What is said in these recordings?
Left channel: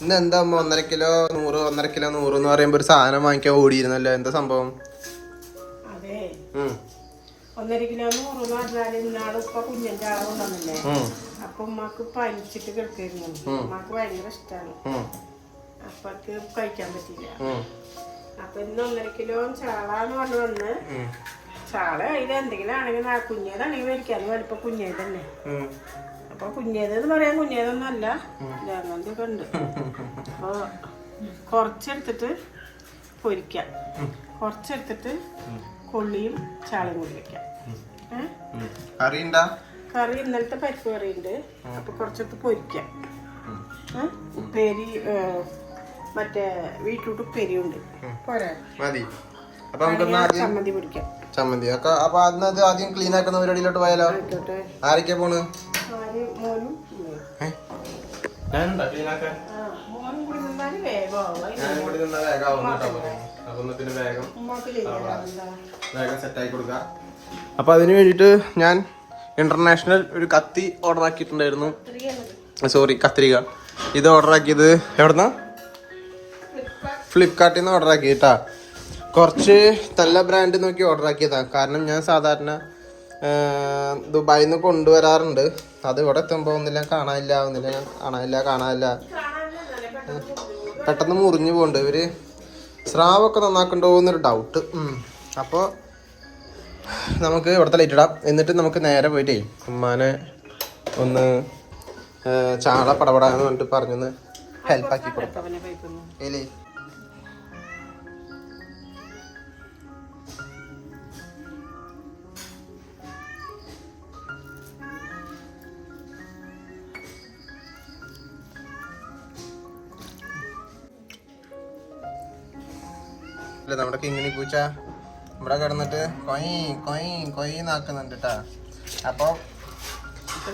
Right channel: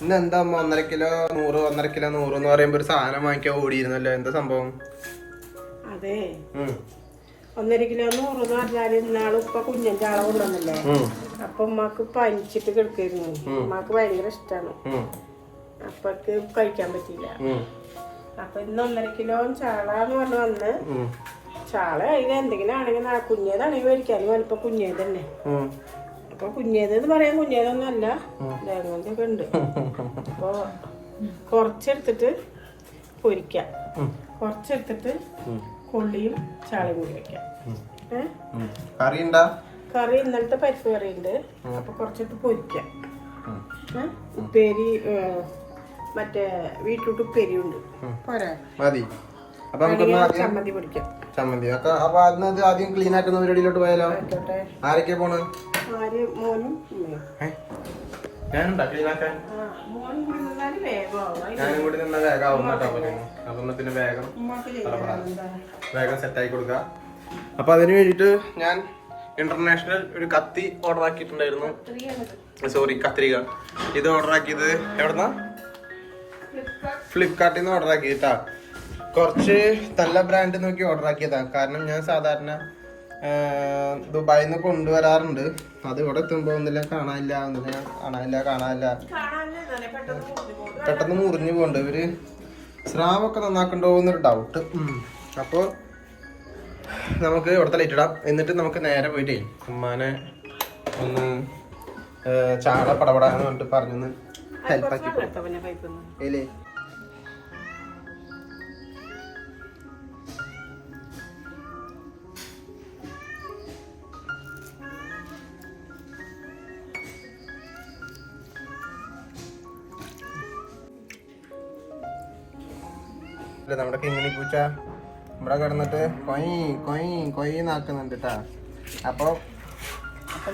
ഇന്ന് എന്താ അമ്മ ഒന്നര കിലോ നൂറ് ഒന്നര കിലോ നൂറ് എന്ന് പറയുമ്പോ ഒരു സാധനം വാങ്ങിക്കാൻ ഓടിയിരുന്നല്ലോ എന്താ സംഭവം അതെ. ഒന്നര കിലോ നൂറ് എന്ന് പറഞ്ഞാൽ ഇന്നാൾ ഇപ്പൊ കുഞ്ഞിന്റെ ആളെ കൊണ്ടുവന്നില്ലേ. അപ്പൊ ഉമ്മക്ക് പനിച്ചിട്ട് കിടക്കായിരുന്നു ഉമ്മക്ക് ഭയങ്കര ഇഷ്ടമാണ്. അപ്പൊക്ക് കഴിക്കാൻ പറ്റില്ല. അപ്പൊ ഇന്ന് ഒന്നര കിലോ ചാള എന്ന് പറഞ്ഞു വന്ന്. ചാള കഴിഞ്ഞ എന്തെങ്കിലും ആണെങ്കിൽ കുഞ്ഞേതാണെങ്കിൽ മേടിക്കാനും വലിപ്പം കുഞ്ഞേ തന്നെ. അപ്പൊ കുഞ്ഞേതെന്ന് പറയാൻ കുഞ്ഞേതൊന്നും അല്ല അങ്ങനത്തെ ഒക്കെ ഉണ്ട് അപ്പൊ കുറച്ചെടുത്തിട്ട് പൊരിക്കാം. കൊറച്ചെടുത്തിട്ട് കൊള്ളിയും ചാളയും കൂടി വെക്കാം. കറി ഉണ്ടാ കറി ഇന്നലത്തെ പരിപ്പ് കറി ഉണ്ട്. അപ്പൊ കുറച്ചെടുത്ത് പൊരിക്കാം? ഉപ്പേരി മറ്റേ വീട്ടിലോട്ട് ഉപ്പേരി ഉണ്ട്. പോരാ? മതി. അപ്പൊ നമുക്കൊന്ന് ചമ്മന്തി പൊടിക്കാം ചമ്മന്തി. അപ്പൊ അതിന് ആദ്യം ക്ലീൻ ആക്കുന്ന പരിപാടിയിലോട്ട് പോയാലോ? ആരൊക്കെയാ പോണ്? മോനും. ഞാനുണ്ടാ. കൂടി നിന്നാൽ വേഗമാവും ഞാനും കൂടി നിന്ന വേഗം ആവും കേട്ടോ. പറയുന്നു അതൊന്ന് പിന്നെ വേഗം? വേഗം കൊടുക്കുക അപ്പൊ അതിന് വേണ്ടിയിട്ട് ഞാൻ ഇന്റർനാഷണൽ ഒരു കത്തി ഓർഡർ ആക്കിയിട്ടുണ്ടായിരുന്നു. സോറി കത്രിക. ഇത് ഓർഡർ ആക്കിയത് എവിടുന്ന? ഫ്ലിപ്കാർട്ടിൽ. നിന്ന് ഓർഡർ ആക്കി കേട്ടാ കുറച്ച് തല്ല ബ്രാൻഡ് നോക്കി ഓർഡർ ആക്കിയതാ. കാരണം ഞാൻ സാധാരണ ദുബായിൽ നിന്ന് കൊണ്ടുവരാറുണ്ട്. അത് ഇവിടെ എത്തുമ്പോൾ ഒന്നില്ല കാണാനില്ല ഒന്നില്ല കാണാനില്ല കാണാനില്ല. പെട്ടെന്ന് മുറിഞ്ഞു പോണ്ട് ഇവർ സ്രാവൊക്കെ നന്നാക്കണ്ടോ എന്നൊരു ഡൗട്ട് അപ്പോൾ നമുക്ക് ഇവിടുത്തെ ലൈറ്റ് ഇടാം. എന്നിട്ട് നമുക്ക് നേരെ പോയിട്ടേ ഉമ്മാനെ ഒന്ന് ചാള പടപടാന്ന് പറഞ്ഞിട്ട് പറഞ്ഞൊന്ന് ഹെൽപ്പ് ആക്കി കൊടുക്കും. ഇല്ലേ? ഇല്ല നമ്മുടെ കിങ്ങിണി പൂച്ച ഇവിടെ കിടന്നിട്ട് കൊയ് കൊയ് കൊയ് നാക്കുന്നുണ്ട് കേട്ടാ അപ്പൊ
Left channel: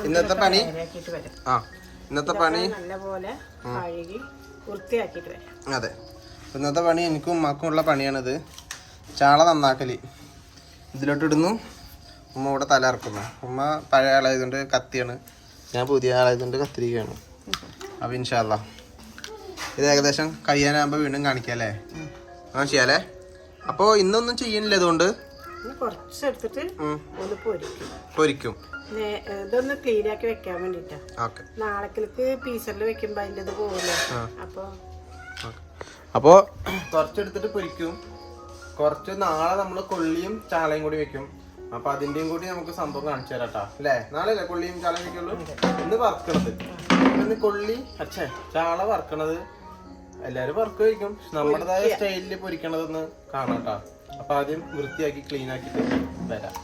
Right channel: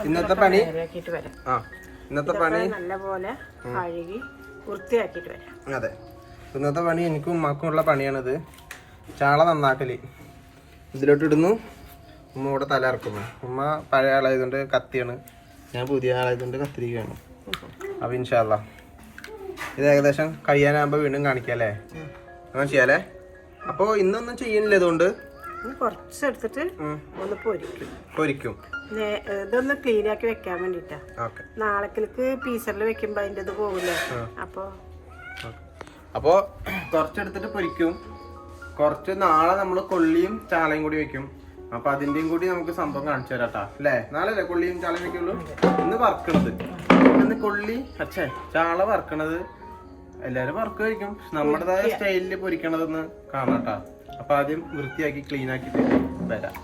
ഇന്നത്തെ പണി? ആ ഇന്നത്തെ പണി? നല്ലപോലെ കഴുകി വൃത്തിയാക്കിയിട്ട് വരാം. അതെ. ഇന്നത്തെ പണി എനിക്കും ഉമ്മാക്കും ഉള്ള പണിയാണിത്. ചാള നന്നാക്കൽ. ഇതിലോട്ട് ഇടുന്നു ഉമ്മ ഇവിടെ തല ഇറക്കുന്നു ഉമ്മ പഴയ ആളായതുകൊണ്ട് കത്തിയാണ്. ഞാൻ പുതിയ ആളായതുകൊണ്ട് കത്തിരിക്കുകയാണ്. അപ്പം ഇൻഷാല്ല ഇത് ഏകദേശം കഴിയാനാകുമ്പോൾ വീണ്ടും കാണിക്കാം അല്ലേ? അങ്ങനെ ചെയ്യാലേ അപ്പോൾ ഇന്നൊന്നും ചെയ്യണില്ല ഇതുകൊണ്ട്? ഇനി കുറച്ചെടുത്തിട്ട് ഒന്ന് പൊരിക്കും. പൊരിക്കും. ഇതൊന്ന് ക്ലീൻ ആക്കി വെക്കാൻ വേണ്ടിട്ടാ. നാളേക്ക് പീസറിൽ വെക്കുമ്പോ അതിന്റെ ഇത് പോകില്ലേ അപ്പൊ അപ്പോൾ കുറച്ചെടുത്തിട്ട് പൊരിക്കും. കുറച്ച് നാളെ നമ്മൾ കൊള്ളിയും ചാളയും കൂടി വെക്കും. അപ്പൊ അതിന്റെയും കൂടി നമുക്ക് സംഭവം കാണിച്ചു തരാം. അല്ലേ? നാളെ അല്ലേ കൊള്ളിയും ചാളയും വെക്കുള്ളൂ? ഇന്ന് വറക്കണത്. ഇന്ന് കൊള്ളി അച്ഛേ ചാള വറക്കണത് എല്ലാരും വർക്ക് കഴിക്കും. നമ്മുടേതായ സ്റ്റൈലിൽ പൊരിക്കണതെന്ന് കാണാട്ടാ. അപ്പൊ ആദ്യം വൃത്തിയാക്കി ക്ലീൻ ആക്കിയിട്ട് വരാം.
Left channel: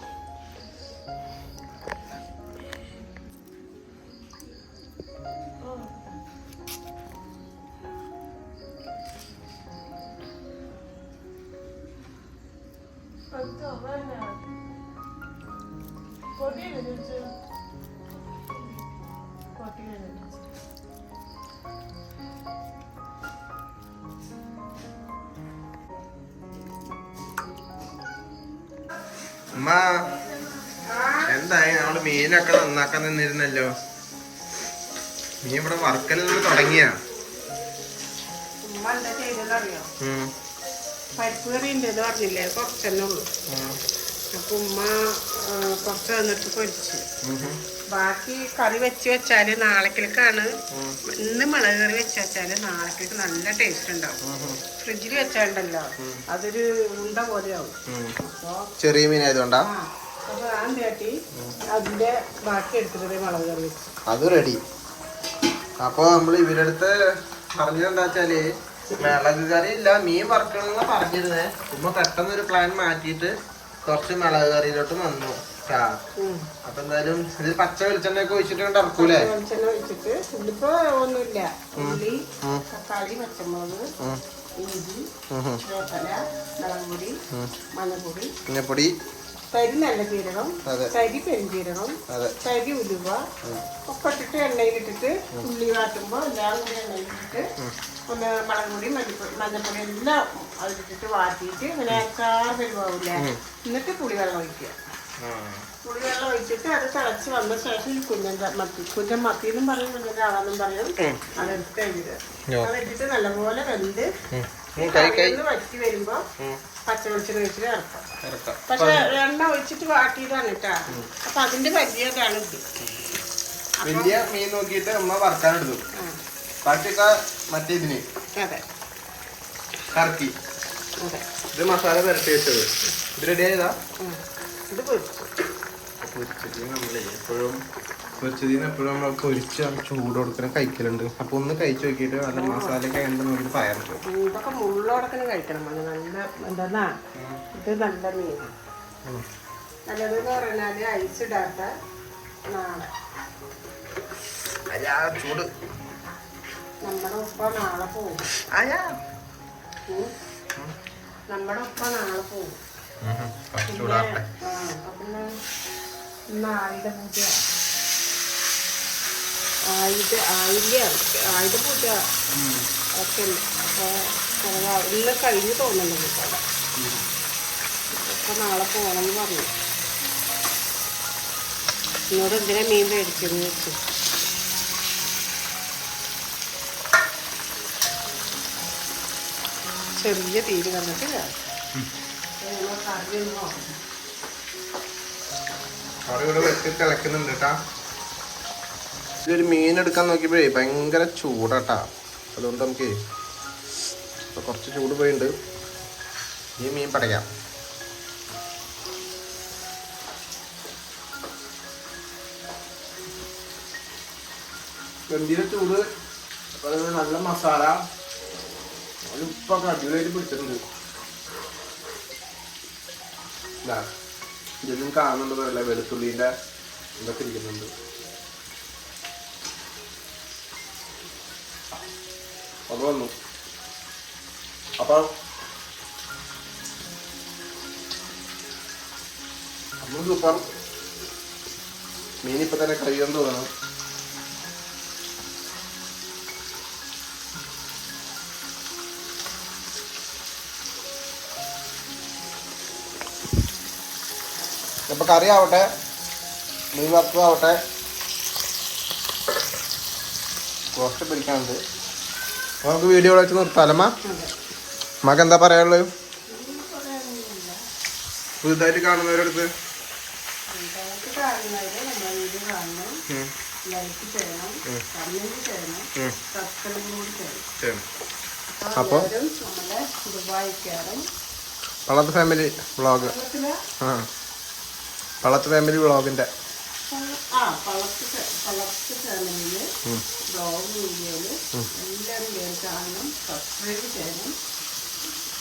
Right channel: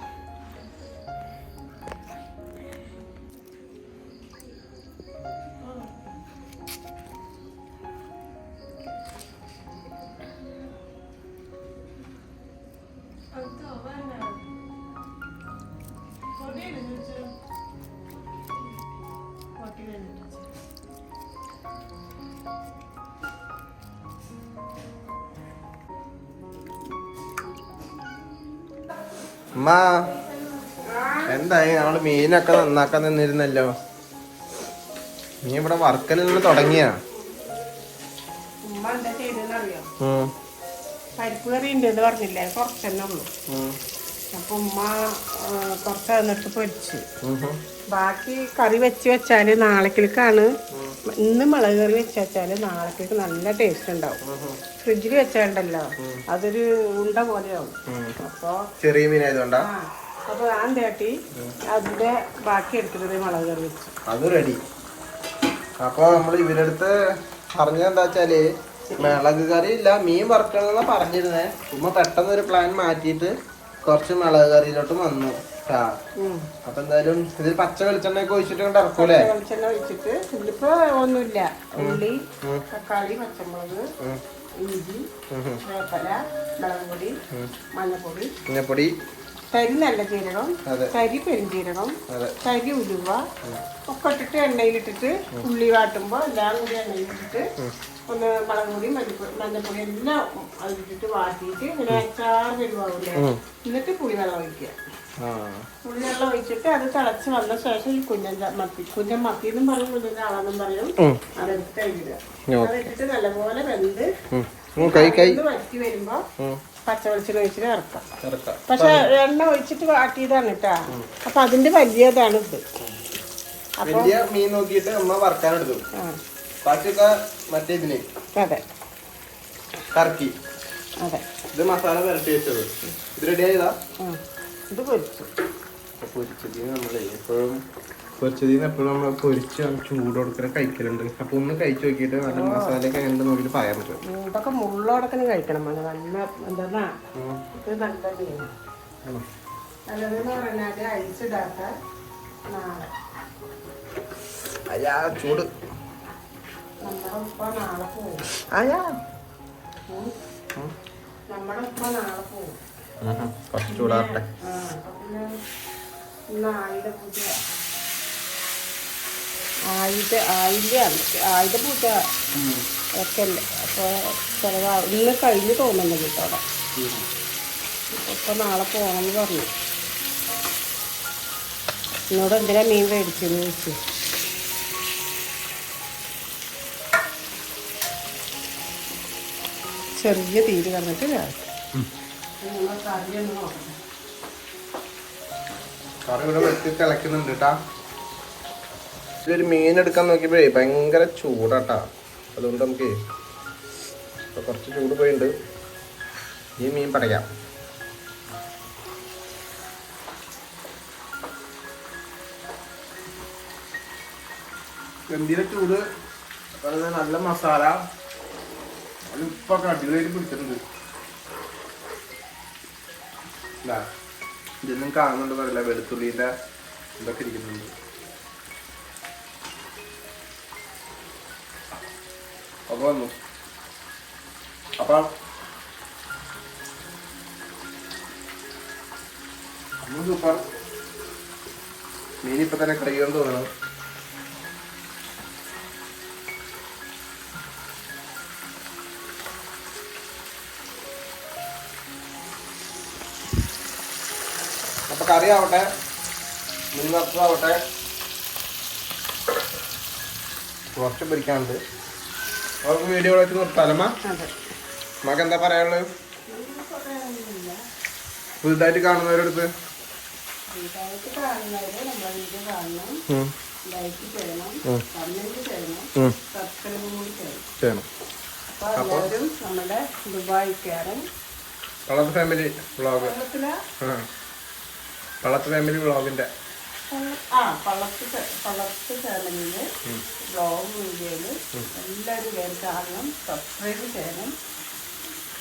അമ്മ എന്തായി? നമ്മൾ മീനൊക്കെ നന്നാക്കാൻ നിന്നിരുന്നല്ലോ. മീൻ ഇവിടെ തുടങ്ങിയ. ഉമ്മ എന്താ ചെയ്തെന്നറിയോ പരിപ്പ് കറി ഉണ്ട് പറഞ്ഞില്ലേ? കുറച്ചെന്നുള്ളൂ അപ്പൊ ഉമ്മ കുറച്ച് എന്നിട്ട് പൊരിച്ച്. ബാക്കി കറി വെച്ച് വെച്ചാൽ നാളേക്കാണ് ഇന്ന് മുളക് കറി വെച്ച് വെച്ചാൽ നാളേക്ക് നല്ല ടേസ്റ്റ് ഉണ്ടാവും. ഫ്രിഡ്ജിൽ വെച്ചാണ്ടല്ലോ അതൊരു ഉണ്ട പോലെയാവും. അപ്പൊ ചെറിയ മീനായതുകൊണ്ടാ അപ്പൊ ഞാൻ തേട്ടി അതിന്റെ ബാക്കി എടുത്തിട്ട് മുളക് കറി വെച്ചു. അത് റെഡി അപ്പൊ നമ്മൾ ഇവരടുത്ത് പറഞ്ഞെന്താ വെച്ചാൽ മിളക് കറി ഇല്ല മീൻ വറക്കണമെന്നാ പറഞ്ഞിരുന്നേ. ഉമ്മ പെട്ടെന്ന് ഒരു പ്ലാൻ മാറ്റിയിട്ട് കുറച്ച് മിളക് കറിയിലോട്ടും വന്നു. ആ. അപ്പൊ എന്തായാലും ഇത് പച്ച വെളിച്ചെണ്ണയൊക്കെ ഒഴിച്ചിട്ട് കൊണ്ട് ഇറക്കൂലേ? വെളിച്ചെണ്ണ ഒഴിച്ചിട്ട് ഇതിപ്പോ ഒന്നുമില്ല. ഉള്ളി തക്കാളി പച്ചമുളക് ഇഞ്ചി വേപ്പല മുളക് പൊടി. മഞ്ഞപ്പൊടി. കരി നല്ല കരി കരി ഉലുവ ഒക്കെ ഇട്ടിട്ട് എണ്ണയിലിട്ടിട്ട് ഉള്ളി വാട്ടുമ്പോ എല്ലാം കൂടി എണ്ണയിലിട്ടിട്ട് ഒന്ന് മുളക് പൊടി മല്ലിപ്പൊടി മഞ്ഞപ്പൊടി എല്ലാം അതിലിട്ടിട്ട് വാട്ടിയിട്ട് ഇങ്ങനെ അച്ചാർ വരുവാവില്ലേ? എന്നിട്ട് പുളി വെള്ളം ഒഴിക്കുക പുളിവെള്ളം ഒഴിച്ചിട്ട് അത് തിളച്ച് വന്ന ശേഷം ഈ കുഞ്ഞൻ മത്തി കുഞ്ഞൻ മത്തി എന്നും പറയും കുഞ്ഞൻ ആളെന്നും പറയും. അതെടുത്ത് എഴുതുക അതെടുത്തിട്ട് നല്ലപോലെ വെന്ത് വറ്റി വരുമ്പോ. പച്ചവെളിച്ചെണ്ണ ഒഴിച്ചിട്ട് ഇറക്കാം പക്ഷെ എണ്ണ ഒഴിച്ചിട്ട് വാട്ടിയതാണ് കേട്ടാ അപ്പൊ അതിന്റെ വലിയതാണ് ഇത്. വലിയ മീൻ നോക്കിയിട്ട് അമ്മ ആ, ബാക്കിയൊക്കെ മറ്റേ ഇതിന്. അതെ. കറക്കി. അതെ. ഇത് മസാല പുരട്ടി വെച്ചത്. ഇത് റെഡി ആയതാ? ഇത് പൊരിച്ചു. നമ്മളെ എപ്പോഴും പൊരിച്ചതിന് എപ്പോഴും നമ്മൾ പൊരിച്ച് ചൂട് കൊടുക്കുന്ന കഴിക്കലുണ്ട്. അപ്പൊ ഒന്ന് കഴിച്ചു നോക്കിയിട്ട് നല്ല മസാലയൊക്കെ എങ്ങനെ നോക്കിയിട്ട് ഇതൊക്കെ മുള്ളോടൊക്കെ കഴിക്കണം. നല്ല എന്താ ഇത് നല്ല നല്ലതെന്ന് ചൂട്. നമ്മുടെ ഉപ്പ നാളെ പോവും. ആയാ ഉം. നമ്മുടെ ഉപ്പ നാളെ പോവും കുറച്ച് ചൂടാട്ടെ ആ, അപ്പൊ പിന്നെ ഇന്ന് ആയുധ പൂജ. ആയുധ ആയുധ ആയുധ പൂജ ഒക്കെ ഉണ്ട്. അപ്പൊ ചിലവ് ഇന്ന് കഴിഞ്ഞ് തോന്നുന്നുണ്ട് കേട്ടോ അപ്പോൾ അപ്പൊ നാളെ പോകണമെന്ന് പറഞ്ഞു. എന്നോട് എന്തിനാ മീൻ മേടിച്ചു ചോദിച്ചു. ചെറിയ തീര് വന്നിട്ട് വേണം. നമ്മൾ കറി ഒന്ന് നോക്കണം. കറി ഇവിടെ വെട്ടി തിളക്കുന്നുണ്ട് കേട്ടാ ഇതൊരു മീൻ എടുക്കാൻ നോക്കിയപ്പോഴേ ഭയങ്കര ചൂടാട്ടാ. അതുകൊണ്ട് നമുക്ക് ഇപ്പൊ കുറച്ച് ചൂട് പോയിട്ടുണ്ട് ഈ മീൻ പടയാം ഗംഭീര ചൂട്? അതുപോലെ നല്ല മസാല. അത് അടിപൊളിയായിട്ട് പിടിച്ചിട്ടുണ്ട്. ഇതാ. ഇതൊന്നും കാണുന്നുണ്ട് പറയില്ല വെളുത്തുള്ളിന്റെ ഇതൊക്കെ ഇരിക്കുന്നുണ്ട്. അപ്പൊ വന്നു. അപ്പൊ സൂപ്പർ. ഇപ്പൊ തന്നെ കഴിയാൻ തോന്നണം. അപ്പൊ കറി ആവട്ടെ മീൻ വറുത്തതാവട്ടെ കുറച്ച് പിടിക്കാനുണ്ട്. നമുക്ക് വീഡിയോ വിളിച്ച് നിർത്താലമ്മ നമുക്ക് എന്താ പറയാനുള്ളത്? പുതുതായിട്ട് കാണുന്നവരടുത്ത്. അപ്പോൾ നമ്മുടെ ഫാമിലി വ്ളോഗ് ആ. പളത്ത് ഫാമിലി ബ്ലോഗിന്റെ ആ പള്ളത്ത് പള്ളത്ത് വീഡിയോയിൽ എല്ലാവരും കയറി കാണണം സബ്സ്ക്രൈബ് ചെയ്യണം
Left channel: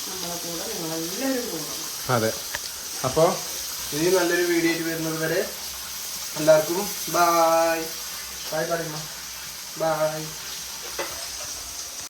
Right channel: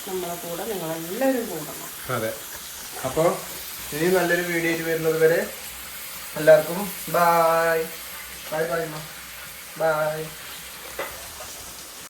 നമ്മളെ കൂടെ നിങ്ങളെല്ലാവരും കൂടണം. അതെ. അപ്പോൾ ഇനി നല്ലൊരു വീഡിയോ ആയിട്ട് വരുന്നത് വരെ എല്ലാവർക്കും ബായ് ബായ് പറയുമ്പോ ബായ്